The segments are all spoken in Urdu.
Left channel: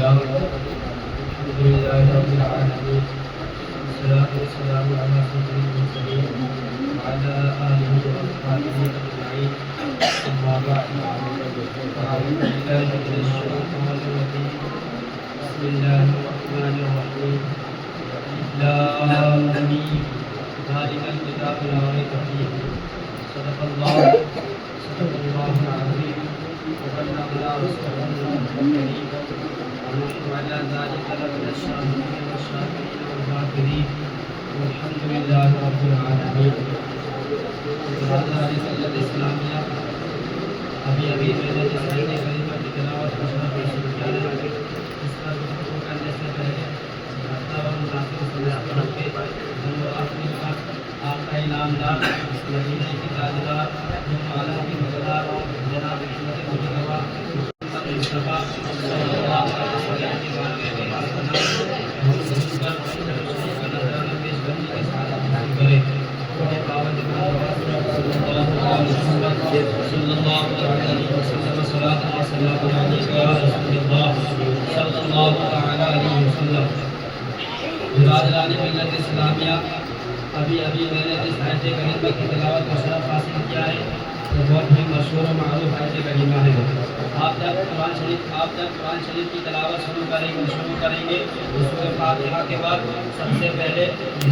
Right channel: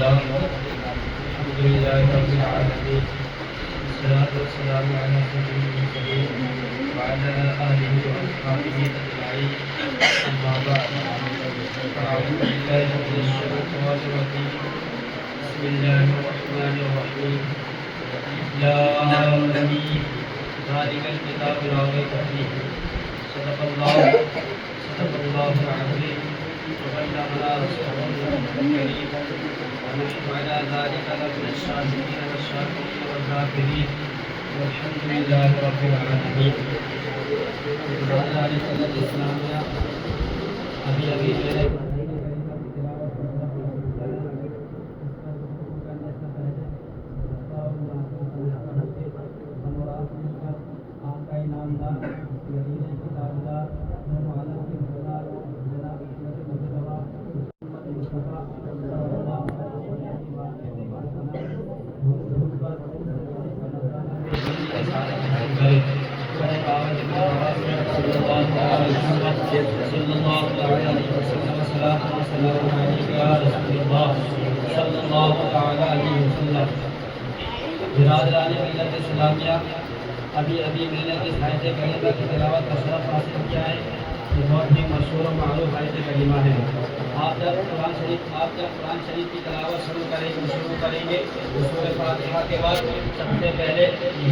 لله الحمد لله رب العالمين والصلاة والسلام على سيد المرسلين وعلى آله وأصحابه أجمعين أما بعد فأعوذ بالله من الشيطان الرجيم بسم الله الرحمن الرحيم لا آمين ذلك الكتاب لا ريب فيه صدق الله العظيم وبلغنا رسوله الكريم ونحن على ذلك لمن الشاهدين والشاكرين والذاكرين والحمد لله رب العالمين. اسلامیہ ابھی میں نے اس مہینے کریمہ کی تلاوت کو شروع کیا ہے. اس کا شروع کرنے سے پہلے ہفتہ و مناسب سمجھ رکھ کے ہم اور اپنی آپ کا انعامدار مدینے کی تاجدار دونوں عالم کی مقدار جناب حضرت مجتبیٰ مصطفیٰ صلی اللہ علیہ وسلم کے بارے میں بات کرنا اسلامیہ ابھی میں نے اس آیت کریمہ کی تلاوت کا شرف حاصل کیا ہے. یہ بہت ہی مشہور و معروف آیت کریمہ ہے. آپ جب قرآن شریف کی تلاوت شروع کریں گے سورۃ فاتحہ کے بعد سب سے پہلے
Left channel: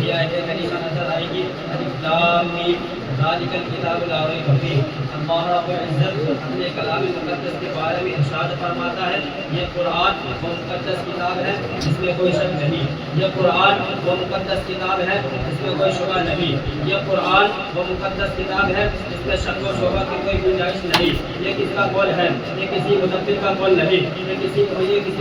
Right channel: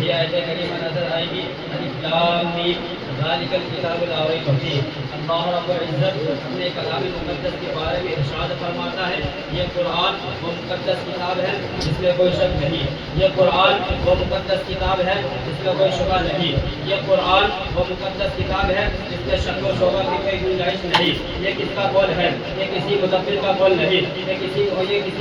یہ آیت کریمہ نظر آئے گی الف لام میم ذالک الکتاب لا ریب فیہ. اللہ رب العزت اپنے کلام مقدس کے بارے میں ارشاد فرماتا ہے یہ قرآن وہ مقدس کتاب ہے جس میں کوئی شک نہیں. یہ قرآن وہ مقدس کتاب ہے جس میں کوئی شبہ نہیں. یہ قرآن وہ مقدس کتاب ہے جس میں شک و شبہ کی کوئی گنجائش نہیں. یہ کس کا قول ہے؟ یہ کسی مدبر کا قول نہیں. یہ کسی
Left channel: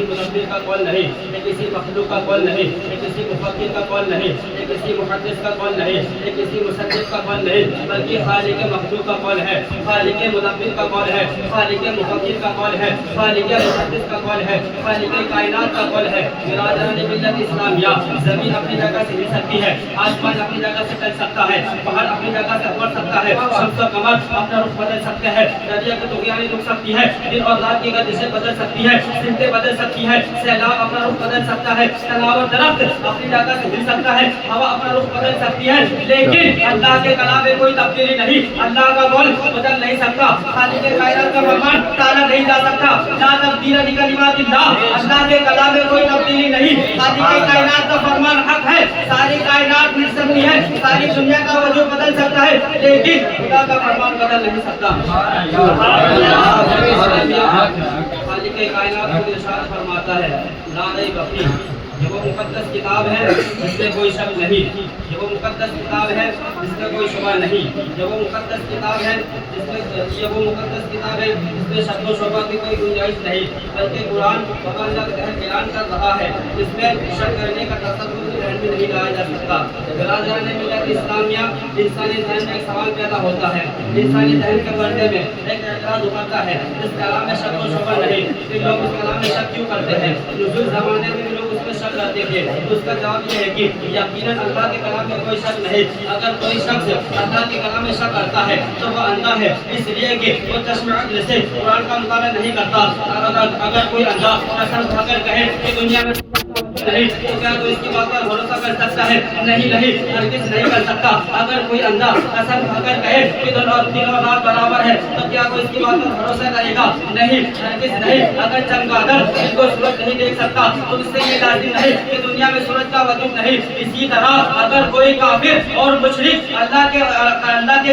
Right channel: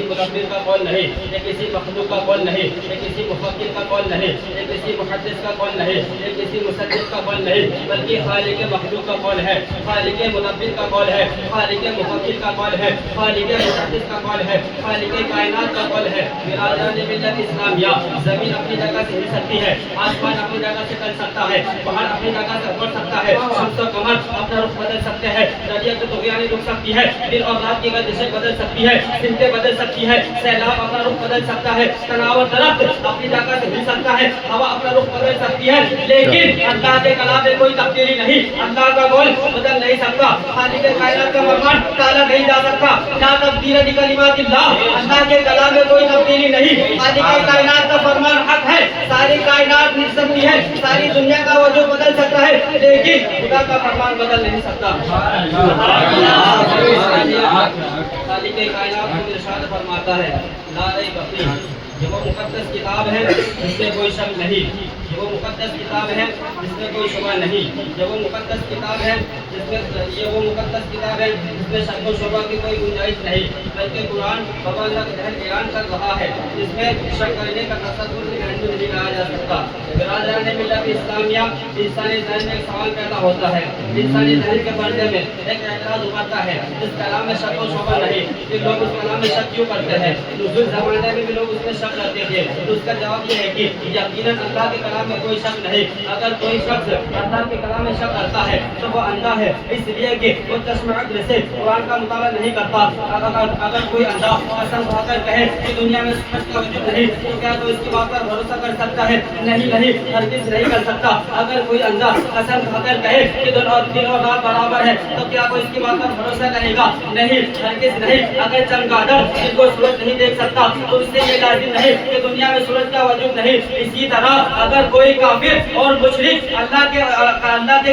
مدبر کا قول نہیں. یہ کسی مخلوق کا قول نہیں. یہ کسی مفکر کا قول نہیں. یہ کسی محدث کا قول نہیں. یہ کسی مصدق کا قول نہیں بلکہ خالق مخلوق کا قول ہے. خالق مدبر کا قول ہے. خالق مفکر کا قول ہے. خالق محدث کا قول ہے. خالق کائنات کا قول ہے. برادران ملت اسلامیہ زمین اپنی جگہ سے ہل سکتی ہے. آسمان اپنی جگہ سے چل سکتا ہے. پہاڑ اپنی جگہ سے بڑھ سکتا ہے. شمس و قمر اپنا رخ بدل سکتے ہیں. دریا کی طغیانی رک سکتی ہے. دن اور رات کی گردشیں بدل سکتی ہے. سمتیں بدل سکتی ہے. سیلاب اپنا رخ بدل سکتا ہے. تناور درخت اپنی جگہ سے ہل سکتا ہے. ہوا اپنا رخ بدل سکتی ہے. لیکن اللہ کے کلام میں کوئی تبدیلی نہیں. اللہ کا قول بدل نہیں سکتا. خالق کائنات کا فرمان ٹالا نہیں جا سکتا. لا تبدیل لکلمات اللہ. اللہ کے کلام میں کوئی تبدیلی نہیں. خالق کائنات کا فرمان حق ہے. ساری کائنات مل سکتی ہے. ساری دنیا کا وجود بدل سکتا ہے لیکن خدا کا فرمان بدل نہیں سکتا. خالق کائنات کو ارشاد فرماتا ہے لا ریب فیہ. یہ وہ مقدس کتاب ہے جس میں کوئی شک نہیں. یہ وہ مقدس کتاب ہے جس میں کوئی شبہ نہیں. یہ وہ مقدس کتاب ہے جس میں شک و شبہ کی کوئی گنجائش نہیں بلکہ قرآن اعلان کر رہا ہے. اس میں شک کرنے کا تصور نہیں لایا جا سکتا. برادران ملت اسلامیہ انسانی ذہن میں ایک سوال پیدا ہوتا ہے. انسانی ذہن کے پردے میں ایک اعتراض ابھرتا ہے اس کلام میں شک و شبہ نہیں. کہ لوگ اس کلام میں شک کیوں کرتے ہیں؟ نزول زمانے میں بھی لوگ اس میں شک کرتے تھے. اس کا جواب یہ ہے کہ یقیناً اللہ کے کلام میں کوئی شک نہیں. اگر کوئی شخص اللہ کے کلام میں شک کرتا ہے تو وہ اندھا ہے اس لیے کہ وہ چشم عقل سے قرآن کا مطالعہ نہیں کرتا. اگر کوئی اندھا قسم کھا کر کہے کہ دنیا میں وجود نہیں تو کیا تو اس کی بات پر بھروسہ کر سکتا ہے؟ نہیں ہرگز نہیں کر سکتا. اگر کوئی اندھا قسم کھا کر کہے کہ دن اور رات برابر ہے تو کیا وہ اس کی بات پر بھروسہ کرے گا؟ نہیں ہرگز نہیں. اگر چمگادڑ جن کو سورج نہیں دیکھ سکتا تو اس سے یہ لازم نہیں کہ دنیا میں سورج کا وجود نہیں. اسی طرح اگر کوئی کافر اور مشرک اللہ کے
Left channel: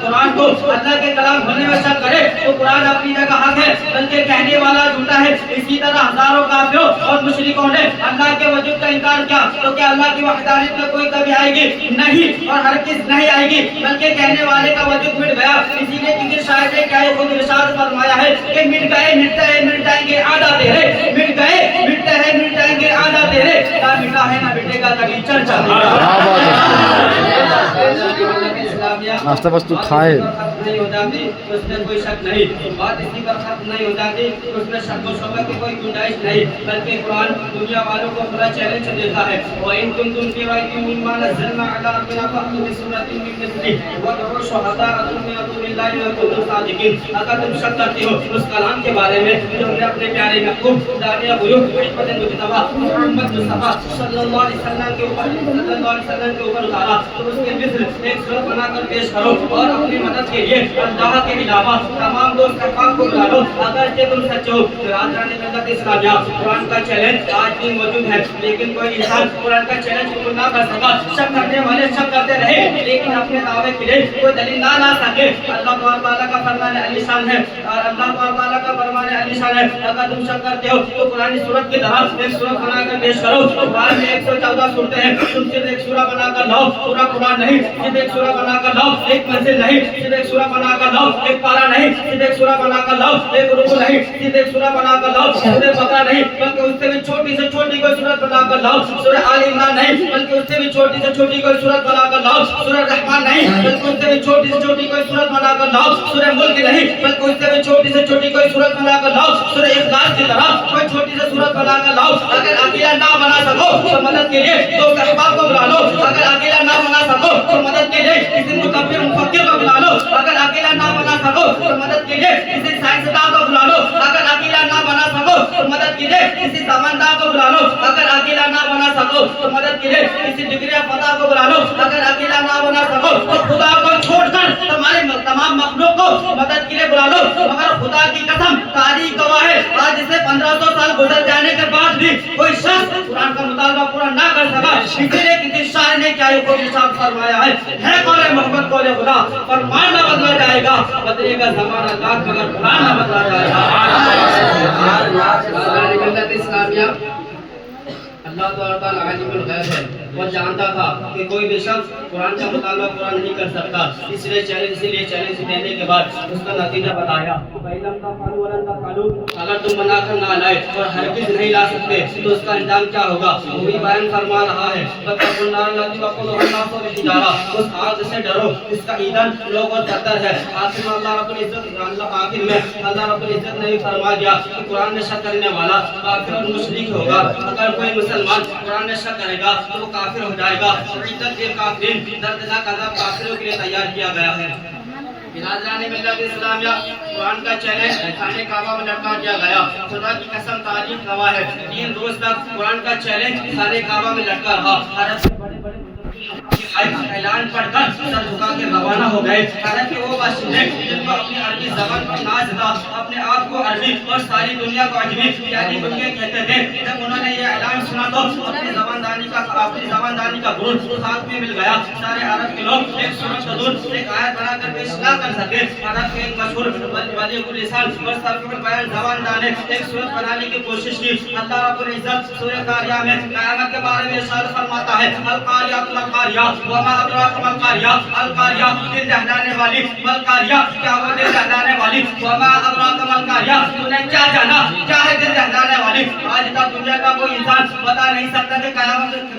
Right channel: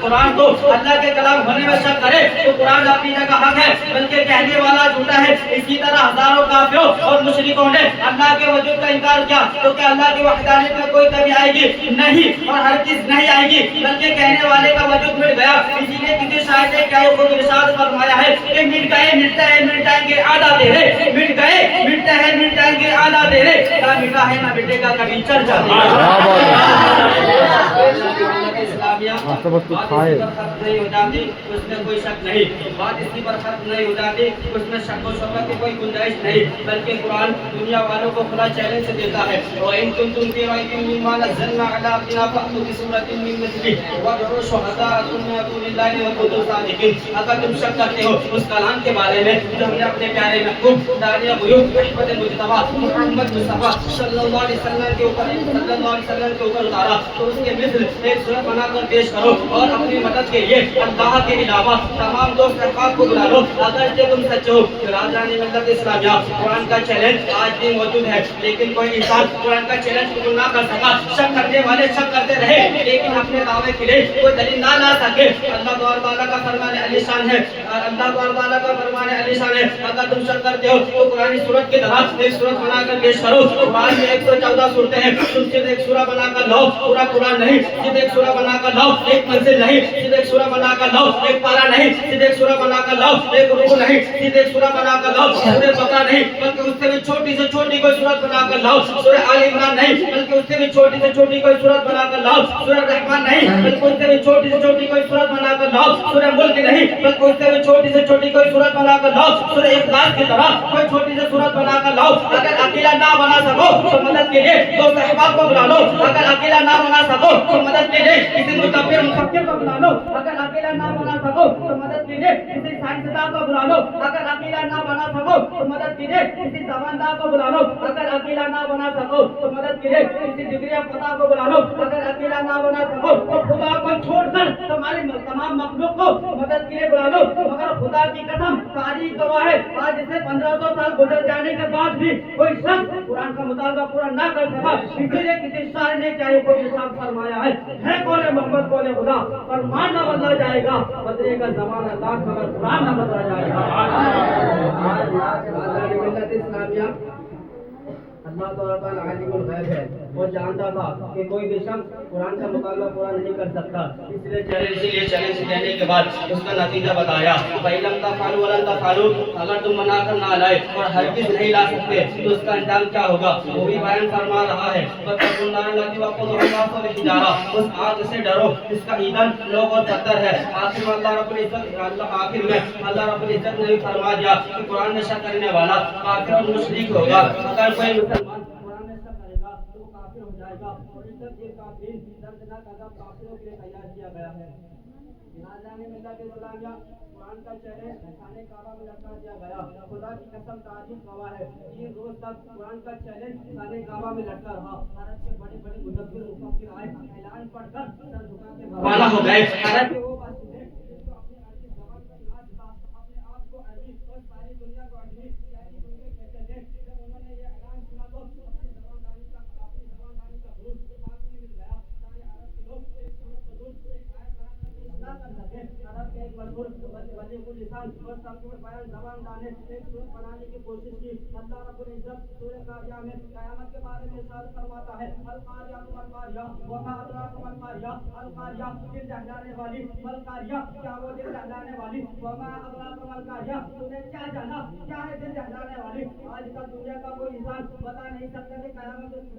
قرآن کو اللہ کے کلام ہونے میں شک کرے تو قرآن اپنی جگہ حق ہے بلکہ کہنے والا جھوٹا ہے. اسی طرح ہزاروں کافروں اور مشرکوں نے اللہ کے وجود کا انکار کیا تو کیا اللہ کی وحدانیت میں کوئی کمی آئے گی؟ نہیں اور ہرگز نہیں آئے گی بلکہ کہنے والے کا وجود مٹ گیا. اسی لیے کسی شاعر نے کیا خود ارشاد فرمایا ہے کہ مٹ گئے مٹ جائیں گے آدھا تیرے. مٹ گئے مٹ جائیں گے آدھا تیرے. کیا مٹا ہے نہ مٹے گا کبھی چرچا. ناشتہ بس تو کھائے. نہیں ہو جاتی اس میں کوئی شک نہیں، بات اسی پر ختم نہیں ہو جاتی اس میں شک و شبہ کی کوئی گنجائش نہیں، بلکہ قرآن دنیا والوں کو خدا چیلنج دیتا ہے وَإِن كُنتُمْ فِي رَيْبٍ مِّمَّا نَزَّلْنَا عَلَىٰ عَبْدِنَا فَأْتُوا بِسُورَةٍ مِّن مِّثْلِهِ وَادْعُوا شُهَدَاءَكُم مِّن دُونِ اللَّهِ إِن كُنتُمْ صَادِقِينَ۔ اگر تم شک کرتے ہو اس کلام کے بارے میں جو ہم نے اپنے پیارے محبوب داعیہ غیوب حکمت مجتبیٰ محمد مصطفیٰ صلی اللہ علیہ وسلم کے اوپر اتارا تو اس کے مثل ایک صورت بنا کر پیش کرو اور اپنی مدد کے لیے اللہ کے علاوہ تمام دوست احباب کو بلا لو اگرچہ تم سچے ہو۔ برادران ملت اسلامیہ، قرآن کا چیلنج آج بھی موجود ہے لیکن کوئی انسان قرآن کا چیلنج قبول نہ کر سکا۔ شک کرنے والے شک کرتے رہے لیکن اپنے دعوے کے لیے کوئی دلیل نہ لا سکے۔ اللہ تعالیٰ کا فرمان علی شان ہے، اللہ تعالیٰ کا فرمان علی شان ہے، اگر تم شک کرتے ہو تو قرآن سورت کی طرح ایک سورت بنا کر پیش کرو۔ قرآن میں 114 سورتیں ہیں، تم صرف ایک سورہ بنا کر لاؤ، پورا قرآن نہیں، صرف ایک سورہ بنا کر لاؤ، ایک منزل نہیں، صرف ایک سورہ بنا کر لاؤ، ایک پارا نہیں، صرف ایک سورہ بنا کر لاؤ، ایک رکوع نہیں، صرف ایک سورہ بنا کر لاؤ، سورہ بقرہ نہیں بلکہ اس سے بھی چھوٹی سے چھوٹی کوئی سورت بنا کر لاؤ، سورہ آل عمران نہیں بلکہ اس سے بھی چھوٹی سے چھوٹی کوئی سورت بنا کر لاؤ، سورہ رحمان نہیں بلکہ اس سے بھی چھوٹی سے چھوٹی کوئی سورت بنا کر لاؤ، سورہ ملک نہیں بلکہ اس سے بھی چھوٹی سے چھوٹی کوئی سورت بنا کر لاؤ، سورہ اخلاص کی طرح کوئی چھوٹی سے سورت بنا کر لاؤ۔ اگر اکیلا نہ بنا سکو تو مدد کے لیے دو صحابہ کو بلا لو، اگر اکیلا نہ بنا سکو تو مدد کے لیے کسی متفکر مفکر کو بلا لو، اگر اکیلا نہ بنا سکو تو مدد کے لیے کسی سائنسداں کو بلا لو، اگر اکیلا نہ بنا سکو تو مدد کے لیے کسی سمندار کو بلا لو، اگر اکیلا نہ بنا سکو تو مدد کے لیے کسی ڈگری فتح کو بلا لو، اگر اکیلا نہ بنا سکو تو خدا کو چھوڑ کر تمہارے تمام مخلوق کو مدد کے لیے بلا لو۔ مگر خدا کی قسم تاریخ گواہ ہے آج سے 1500 سال گزر جانے کے بعد بھی کوئی شخص قرآن کا مطالبہ پورا نہ کر سکا، اسی لیے کسی شاعر نے کیا فرمایا ہے قول محمد قول خدا، فرمان نہ بدلا جائے گا، بدلے گا زمانہ لاکھ مگر قرآن نہ بدلا جائے گا۔ ملت اسلامیہ، اللہ تعالیٰ عالم الغیب ہے، وہ جانتا تھا کہ کوئی بھی شخص قرآن کا مطالبہ پورا نہیں کر سکتا، اس لیے چیلنج دینے کے بعد اس کا نتیجہ بتایا فَإِلَمْ تَفْعَلُوا وَلَنْ تَفْعَلُوا، اگر تم بنا کر نہ لائے اور ہرگز نہیں لا سکتے تو اس کا انجام کیا ہوگا، وہی بیان فرما رہا ہے فَاتَّقُوا النَّارَ الَّتِي وَقُودُهَا النَّاسُ وَالْحِجَارَةُ، اس آگ سے ڈرو جس کا ایندھن لوگ اور پتھر ہے۔ آخر میں اللہ رب العزت نے فرما دیا کہ قرآن میں شک کرنے والا کافر اور مشرک ہوگا، اگر کوئی مسلمان قرآن میں شک کرے گا تو وہ کافر ہو جائے گا۔ عدت للکافرین، دردناک عذاب کافروں کے لیے تیار کیا گیا ہے۔ برادران ملت اسلامیہ، قرآن کا چیلنج خانہ کعبہ میں لٹکا دیا گیا، خدا کی قسم تاریخ گواہ ہے 3 روز تک قرآن کا چیلنج خانہ کعبہ میں لٹکا رہا۔ عرب کے بڑے بڑے اعلان پڑھ کر سر جھکا کے روانہ ہو گئے، حالانکہ وہ باشندے جن کو اپنی عربی زبان پر ناز تھا، اپنے آپ کو عربی اور ساری دنیا کو عجمی یعنی بنگے کہتے تھے، جب انہوں نے یہ اعلان سنا تو اپنی زباندانی کا غرور خاک میں مل گیا۔ سارے عرب کے لوگ ایک سورت بدون ایک آیت بنا کر پیش نہ کر سکے۔ عرب کے ایک مشہور ولی السان اور سفیر البیان زباندار نے ایک سورت بنانے کی کوشش کی۔ اللہ رب العزت سورہ قاریہ میں قیامت کے بارے میں ارشاد فرماتا ہے القاریہ القاریہ وما ادراک ما القاریہ، القاریہ دل دہلانے والی، القاریہ کیا وہ دل دہلانے والی، وما ادراک ما القاریہ تو نے کیا جانا کیا ہے دل دہلانے والی۔ آج تک دنیا کا کوئی انسان بتا نہیں سکتا کہ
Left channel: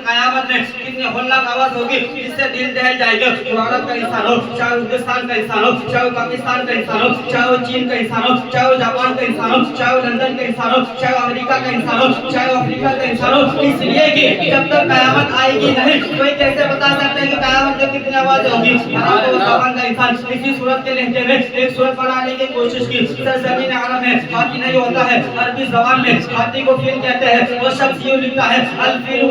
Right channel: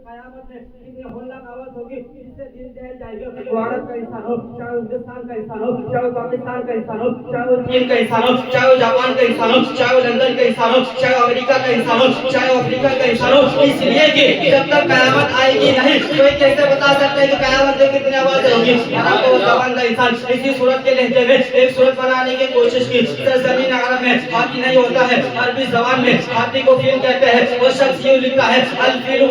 قیامت میں کتنی ہولناک آواز ہوگی جس سے دل دہل جائے گا۔ بھارت کا انسان ہو، چاہے ہندوستان کا انسان ہو، چاہے پاکستان کا انسان ہو، چاہے وہ چین کا انسان ہو، چاہے وہ جاپان کا انسان ہو، چاہے وہ لندن کا انسان ہو، چاہے وہ امریکہ کا انسان ہو، چاہے وہ افریقہ کا انسان ہو، اس لیے کہ جب تک قیامت آئے گی نہیں کوئی کیسے بتا سکتا ہے کہ قیامت میں کتنی آواز ہوگی۔ عرب و زبان کا انسان اسی صورت کے لہجے میں ایک صورت بنانے کی کوشش کی۔ سرزمین عرب میں ہاتھی نہیں ہوتا ہے، عربی زبان میں ہاتھی کو فیل کہتے ہیں۔ وہ شخص یوں لکھتا ہے الفیل